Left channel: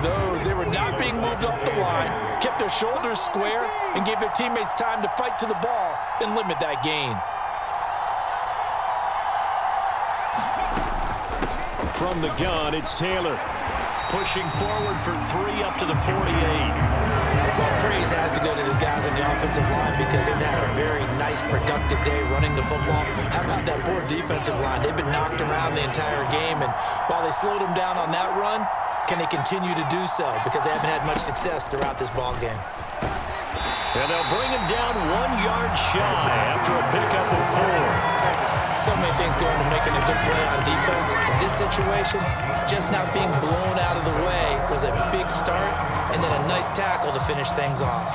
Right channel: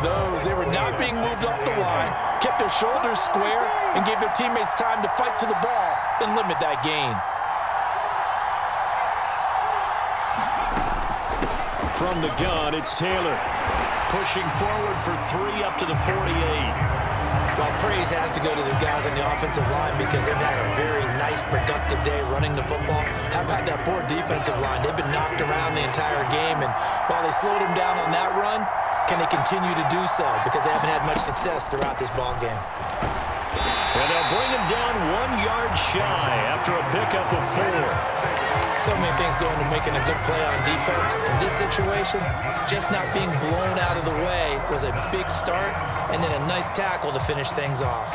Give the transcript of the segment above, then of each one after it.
of those. They were not being moved off the line, kept their shoulders square, and gave their teammates time to fight to the ball and limit that gain. From the gun, it's Taylor. Pushing forward for 3 up to the 48. Well, praise has to go to the guys on the offensive line because they've had a very nice, productive day running the football. How about that poor defensive line? They've been knocked around the entire game, and while they slowed them down on that run, can they continue to do so? Because they haven't had much success throughout this ball game. And they'll bring him down 1 yard shy after a pickup of 4. So many things go into making a good play on defense. In this situation, just not being blown out of the way was a big start, and then a nice tackle to finish things off.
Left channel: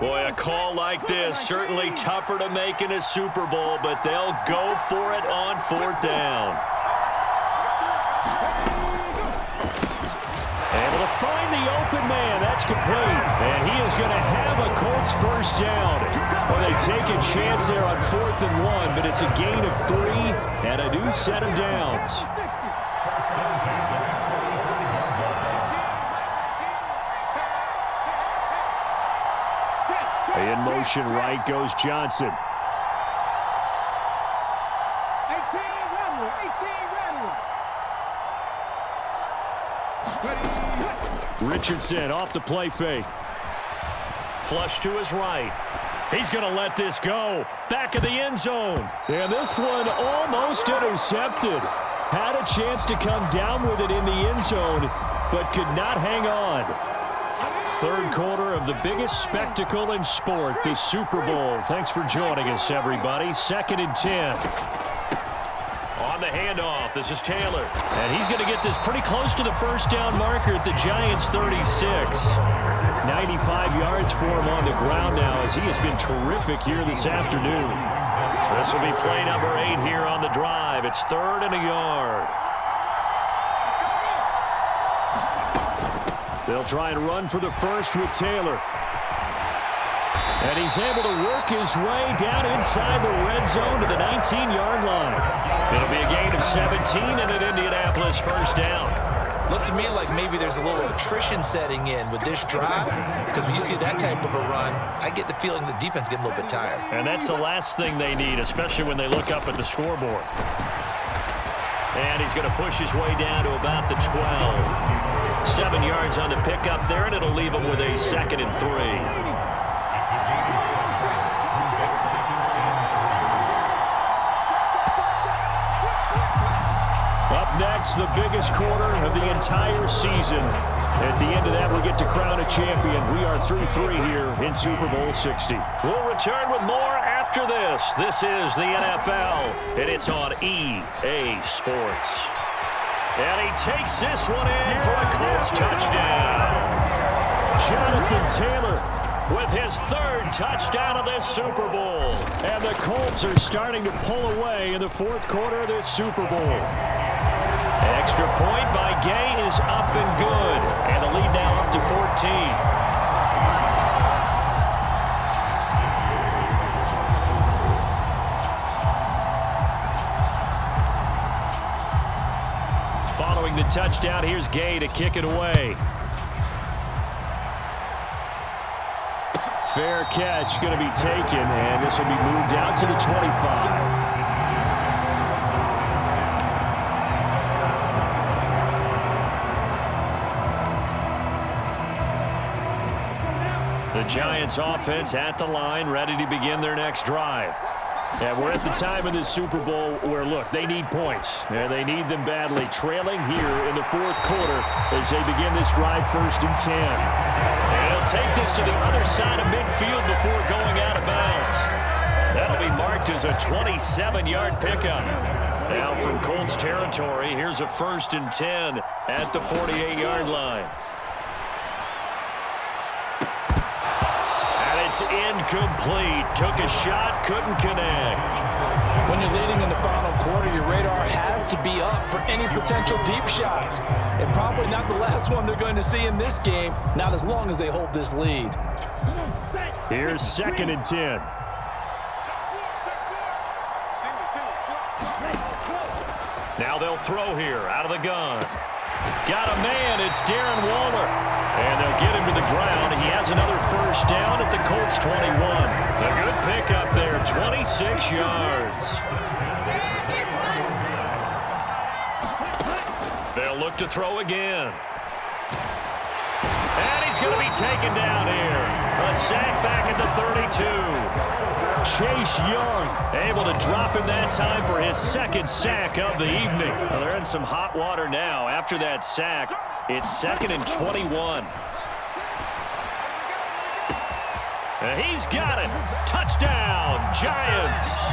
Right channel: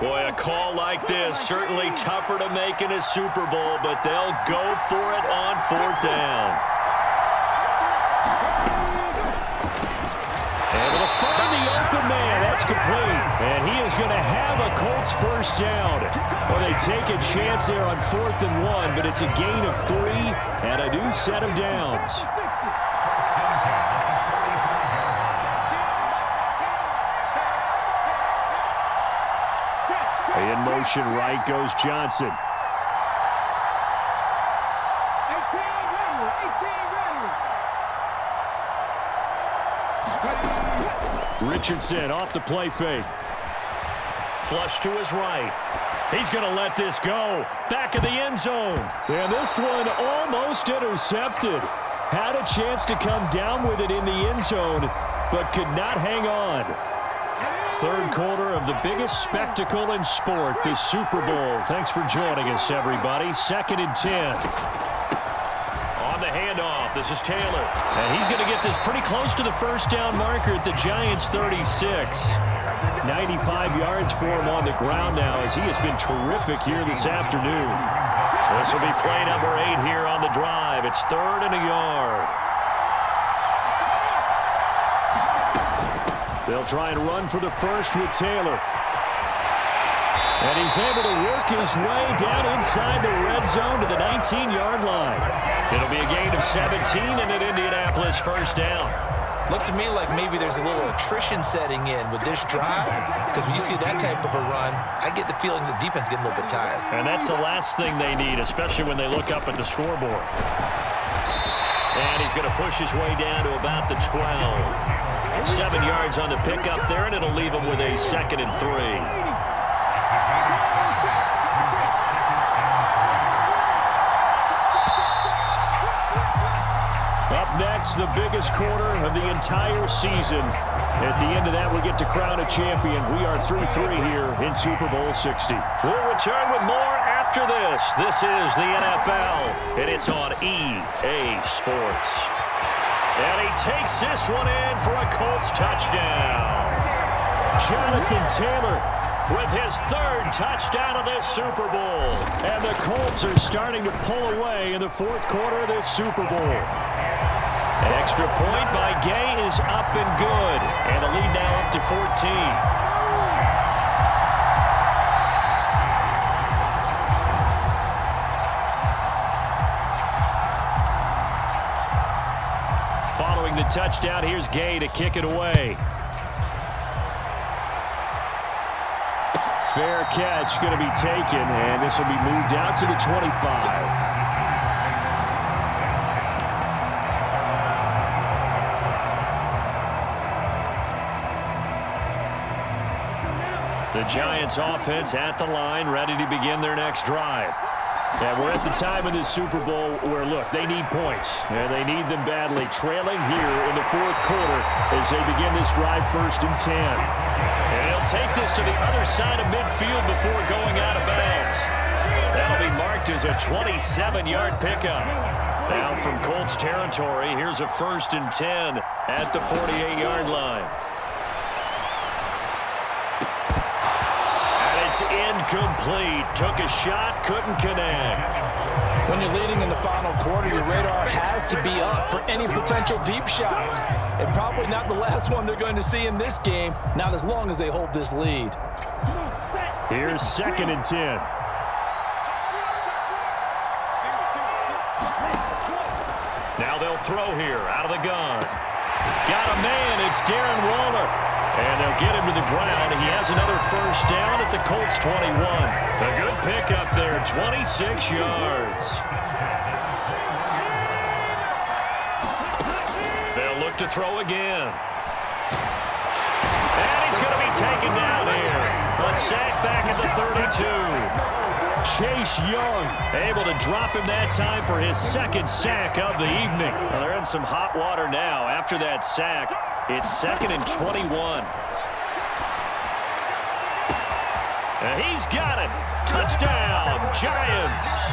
Boy, a call like this, certainly tougher to make in a Super Bowl, but they'll go for it on 4th down. Able to find the open man. That's complete. And he is going to have a Colts first down. Well, they take a chance there on 4th and 1, but it's a gain of 3 and a new set of downs. In motion right goes Johnson. 18 Richardson off the play fake. Flush to his right. He's going to let this go. Back of the end zone. And this one almost intercepted. Had a chance to come down with it in the end zone, but could not hang on. Third quarter of the biggest spectacle in sport, the Super Bowl. Thanks for joining us, everybody. 2nd and 10. On the handoff, this is Taylor. And he's going to get this pretty close to the first down marker at the Giants' 36. 95 yards for him on the ground now as he has been terrific here this afternoon. This will be play number 8 here on the drive. It's 3rd and a yard. They'll try and run for the first with Taylor. And he's able to work his way down inside the red zone to the 19-yard line. It'll be a gain of 17 and an Indianapolis first down. Looks to me like maybe there's a little attrition setting in with this drive, because when you see that type of a run, I get the feeling the defense getting a little bit tired. And that's the last thing they need, especially when they look up at the scoreboard. And he's going to push his way down to about the 12. 7 yards on the pickup there, and it'll leave him with a 2nd and 3. Up next, the biggest quarter of the entire season. At the end of that, we get to crown a champion. We are through 3 here in Super Bowl 60. We'll return with more after this. This is the NFL, and it's on EA Sports. And he takes this one in for a Colts touchdown. Jonathan Taylor with his 3rd touchdown of this Super Bowl. And the Colts are starting to pull away in the 4th quarter of this Super Bowl. An extra point by Gay is up and good. And the lead now up to 14. Following the touchdown, here's Gay to kick it away. Fair catch going to be taken, and this will be moved out to the 25. The Giants offense at the line, ready to begin their next drive. And we're at the time of this Super Bowl where, look, they need points, and they need them badly. Trailing here in the 4th quarter as they begin this drive 1st and 10. And he'll take this to the other side of midfield before going out of bounds. That'll be marked as a 27-yard pickup. Now from Colts territory, here's a 1st and 10 at the 48-yard line. It's incomplete. Took a shot, couldn't connect. When you're leading in the final quarter, your radar has to be up for any potential deep shots. And probably not the last one they're going to see in this game, not as long as they hold this lead. Here's 2nd and 10. Now they'll throw here out of the gun. Got a man. It's Darren Waller. And they'll get him to the ground. He has another first down at the Colts 21. A good pickup there, 26 yards. They'll look to throw again. And he's going to be taken down here. A sack back at the 32. Chase Young able to drop him that time for his 2nd sack of the evening. Well, they're in some hot water now after that sack. It's 2nd and 21. And he's got it. Touchdown, Giants.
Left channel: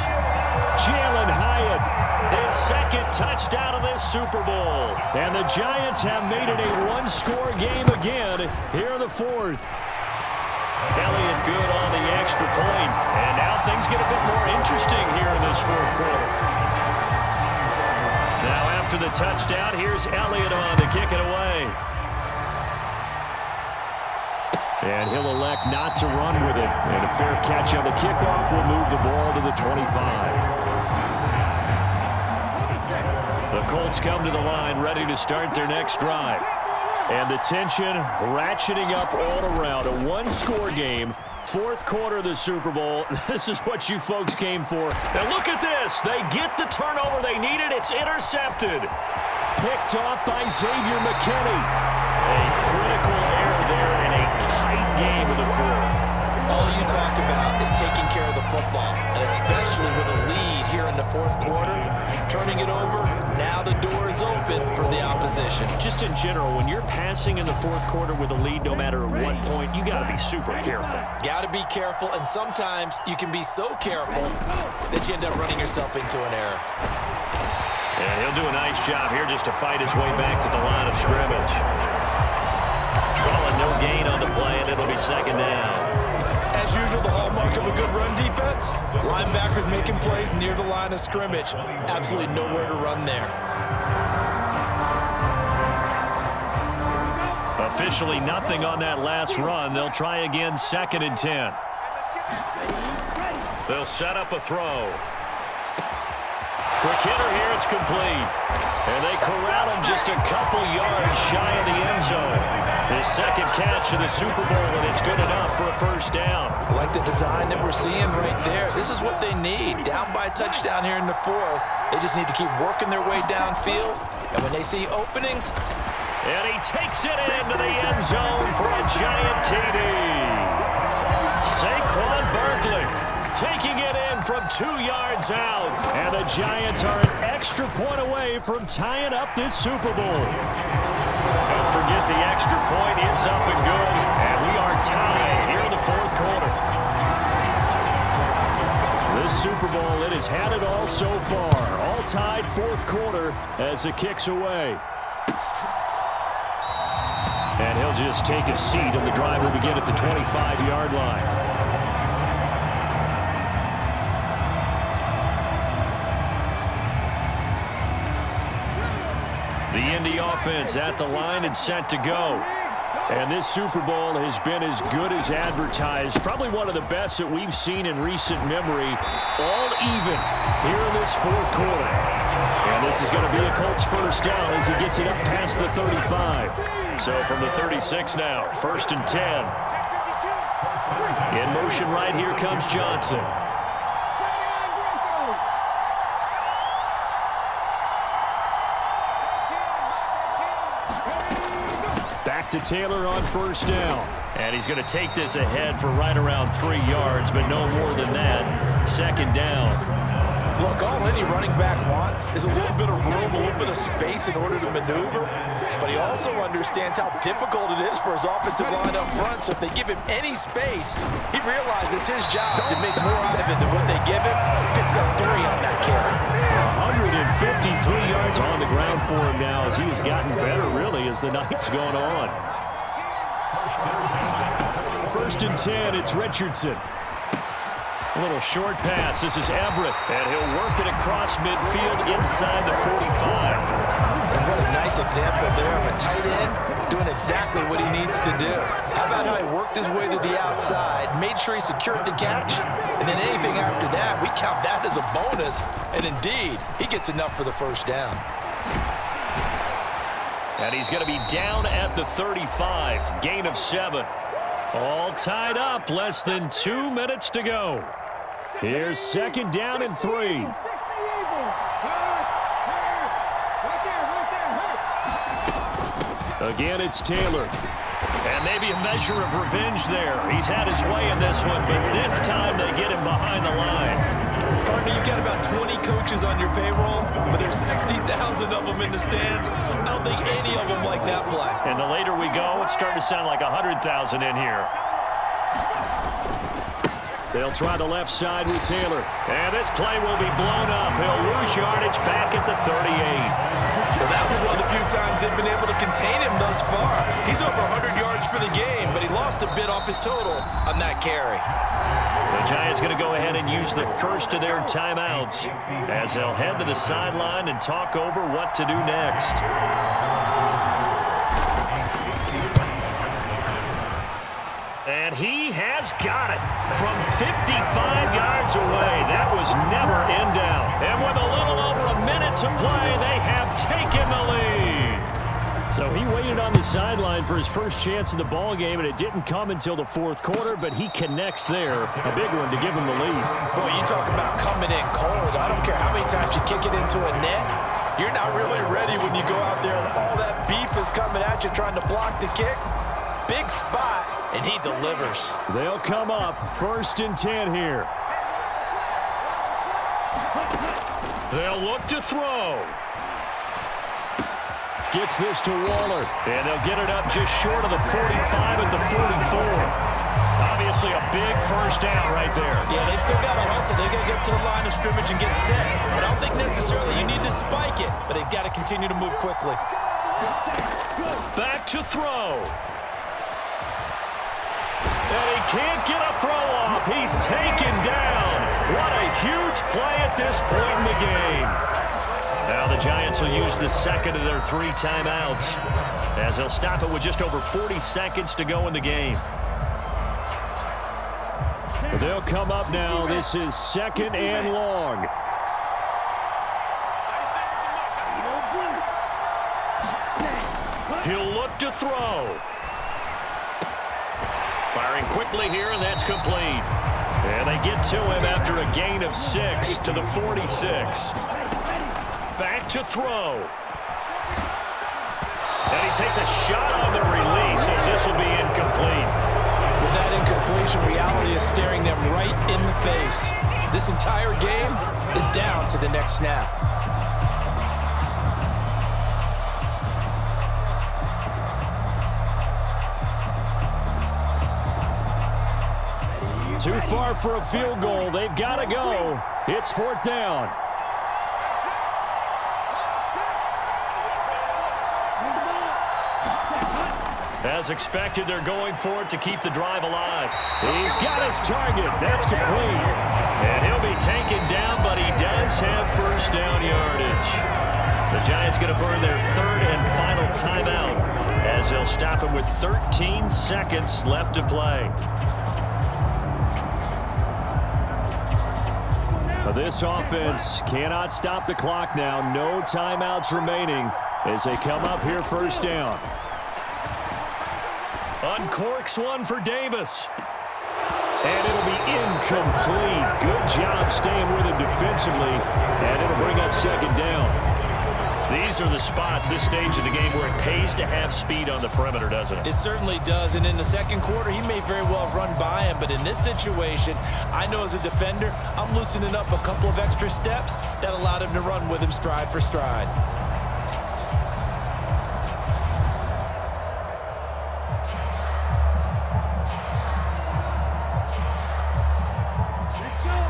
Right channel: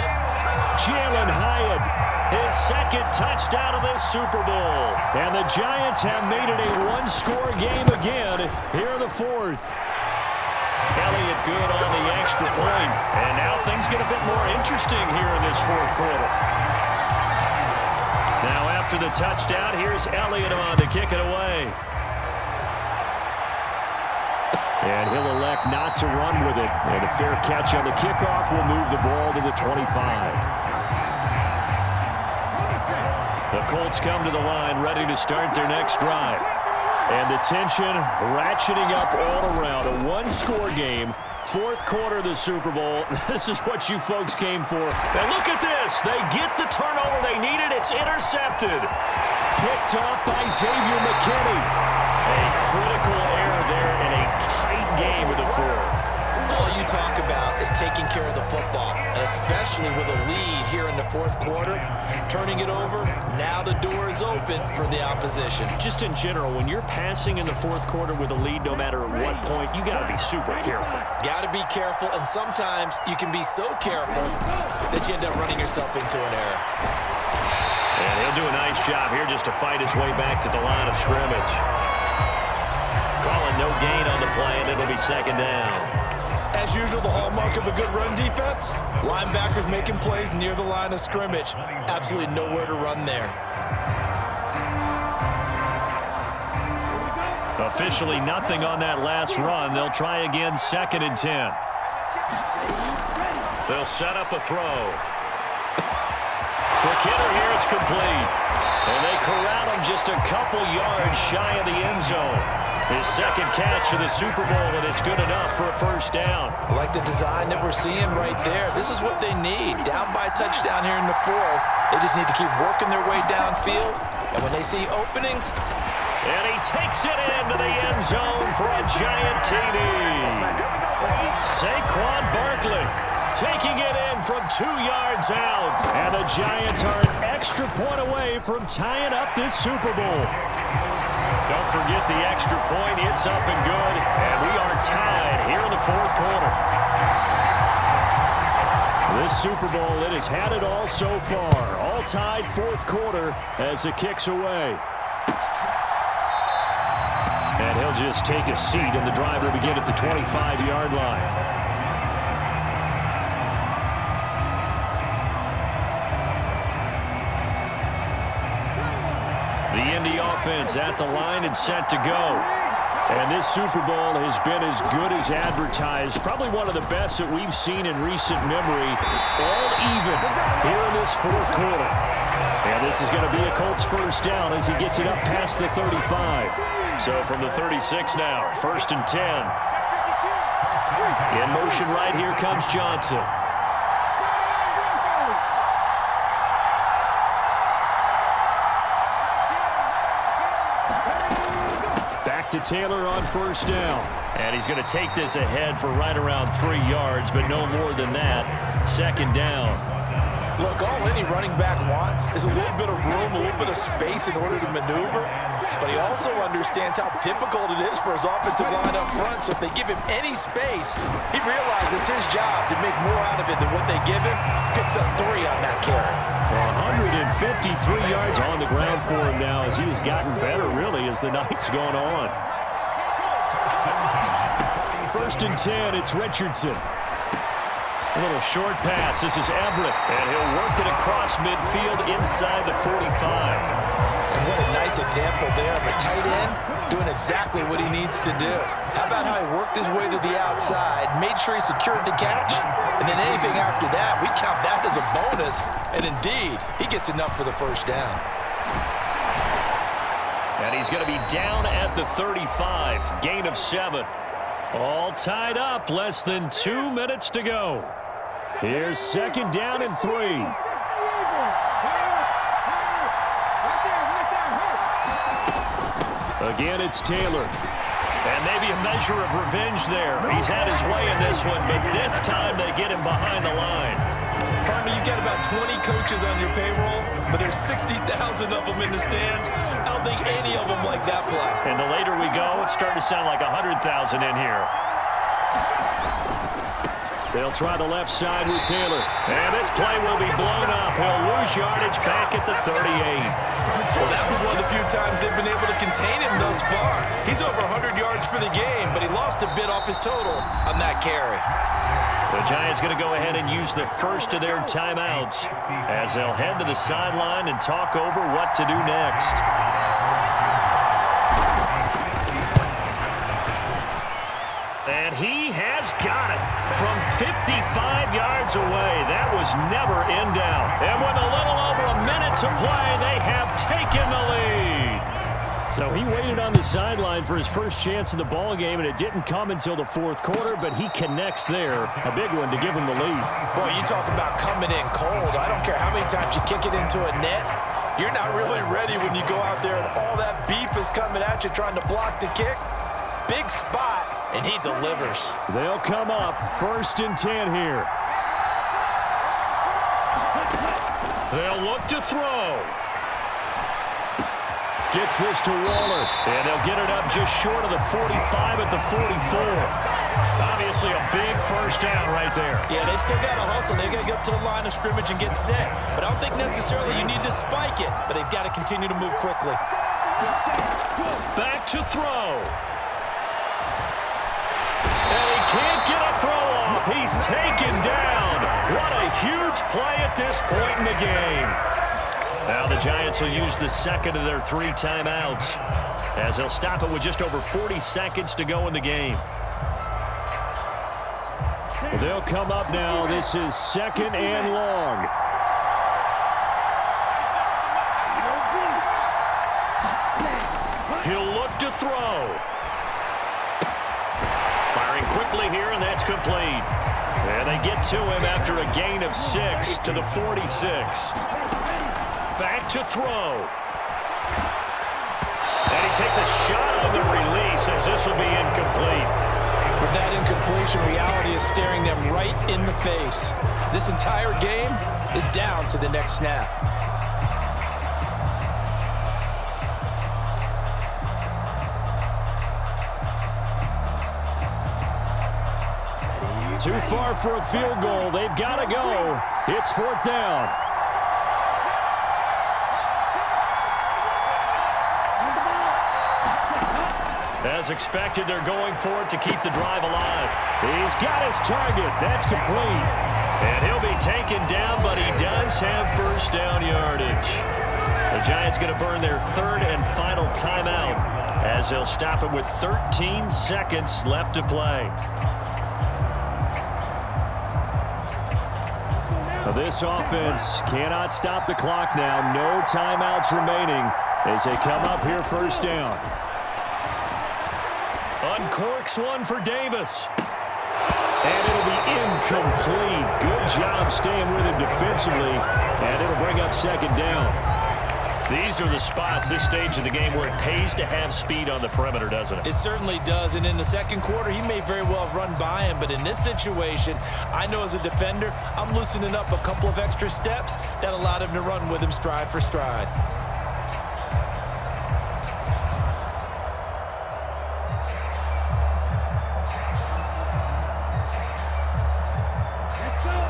Jalen Hyatt, his 2nd touchdown of this Super Bowl. And the Giants have made it a one-score game again here in the 4th. Elliott good on the extra point. And now things get a bit more interesting here in this 4th quarter. Now after the touchdown, here's Elliott on to kick it away. And he'll elect not to run with it. And a fair catch on the kickoff will move the ball to the 25. The Colts come to the line ready to start their next drive. And the tension ratcheting up all around. A one-score game. 4th quarter of the Super Bowl. This is what you folks came for. Now look at this. They get the turnover they needed. It's intercepted. Picked off by Xavier McKinney. A critical error there in a tight game of the 4th. All you talk about is taking care of the football, and especially with a lead here in the 4th quarter, turning it over, now the door is open for the opposition. Just in general, when you're passing in the 4th quarter with a lead, no matter at what point, you got to be super careful. Got to be careful, and sometimes you can be so careful that you end up running yourself into an error. And he'll do a nice job here just to fight his way back to the line of scrimmage. Calling no gain on the play, and it'll be 2nd down. As usual, the hallmark of a good run defense, linebackers making plays near the line of scrimmage. Absolutely nowhere to run there. Officially nothing on that last run. They'll try again, 2nd and 10. They'll set up a throw. Quick hitter here, it's complete. And they corral him just a couple yards shy of the end zone. His 2nd catch of the Super Bowl, and it's good enough for a first down. I like the design that we're seeing right there. This is what they need. Down by a touchdown here in the 4th. They just need to keep working their way downfield. And when they see openings. And he takes it into the end zone for a giant TD. Saquon Barkley taking it in from 2 yards out. And the Giants are an extra point away from tying up this Super Bowl. Don't forget the extra point. It's up and good. And we are tied here in the 4th quarter. This Super Bowl, it has had it all so far. All tied 4th quarter as it kicks away. And he'll just take a seat, and the drive will begin at the 25-yard line. The Indy offense at the line and set to go. And this Super Bowl has been as good as advertised. Probably one of the best that we've seen in recent memory. All even here in this 4th quarter. And this is going to be a Colts first down as he gets it up past the 35. So from the 36 now, 1st and 10. In motion right here comes Johnson. Back to Taylor on first down. And he's going to take this ahead for right around 3 yards, but no more than that. 2nd down. Look, all any running back wants is a little bit of room, a little bit of space in order to maneuver. But he also understands how difficult it is for his offensive line up front. So if they give him any space, he realizes his job to make more out of it than what they give him. Picks up 3 on that carry. 153 yards on the ground for him now as he has gotten better, really, as the night's gone on. First and 10, it's Richardson. A little short pass. This is Everett, and he'll work it across midfield inside the 45. And what a nice example there of a tight end doing exactly what he needs to do. How about how he worked his way to the outside, made sure he secured the catch, and then anything after that, we count that as a bonus. And indeed, he gets enough for the first down. And he's going to be down at the 35, gain of 7. All tied up, less than 2 minutes to go. Here's second down and 3. Again, it's Taylor. And maybe a measure of revenge there. He's had his way in this one, but this time they get him behind the line. Partner, you've got about 20 coaches on your payroll, but there's 60,000 of them in the stands. I don't think any of them like that play. And the later we go, it's starting to sound like 100,000 in here. They'll try the left side with Taylor. And this play will be blown up. He'll lose yardage back at the 38. Well, that was one of the few times they've been able to contain him thus far. He's over 100 yards for the game, but he lost a bit off his total on that carry. The Giants going to go ahead and use the first of their timeouts as they'll head to the sideline and talk over what to do next. And he has got it from 55 yards away. That was never in doubt. And with a little over a minute to play, they have taken the lead. So he waited on the sideline for his first chance in the ball game, and it didn't come until the fourth quarter, but he connects there. A big one to give him the lead. Boy, you talk about coming in cold. I don't care how many times you kick it into a net. You're not really ready when you go out there and all that beef is coming at you trying to block the kick. Big spot, and he delivers. They'll come up first and 10 here. They'll look to throw. Gets this to Waller, and they'll get it up just short of the 45 at the 44. Obviously a big first down right there. Yeah, they still got to hustle. They got to get up to the line of scrimmage and get set. But I don't think necessarily you need to spike it, but they've got to continue to move quickly. Back to throw. And he can't get a throw off. He's taken down. What a huge play at this point in the game. Now the Giants will use the second of their 3 timeouts as they'll stop it with just over 40 seconds to go in the game. They'll come up now. This is second and long. He'll look to throw. Firing quickly here, and that's complete. And they get to him after a gain of 6 to the 46. Back to throw. And he takes a shot on the release as this will be incomplete. With that incompletion, reality is staring them right in the face. This entire game is down to the next snap. Too far for a field goal. They've got to go. It's 4th down. As expected, they're going for it to keep the drive alive. He's got his target. That's complete. And he'll be taken down, but he does have first down yardage. The Giants going to burn their 3rd and final timeout as they'll stop it with 13 seconds left to play. This offense cannot stop the clock now. No timeouts remaining as they come up here first down. Uncorks one for Davis. And it'll be incomplete. Good job staying with him defensively. And it'll bring up second down. These are the spots, this stage of the game, where it pays to have speed on the perimeter, doesn't it? It certainly does, and in the second quarter, he may very well have run by him, but in this situation, I know as a defender, I'm loosening up a couple of extra steps that allowed him to run with him stride for stride.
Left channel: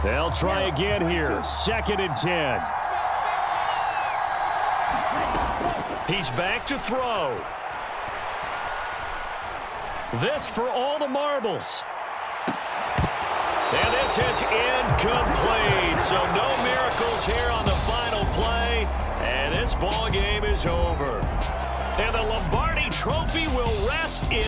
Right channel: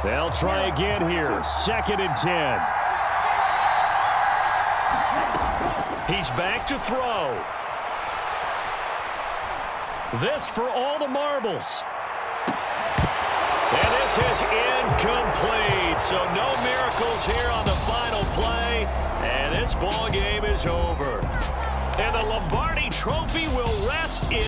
They'll try again here, 2nd and 10. He's back to throw. This for all the marbles. And this is incomplete. So no miracles here on the final play. And this ball game is over. And the Lombardi Trophy will rest in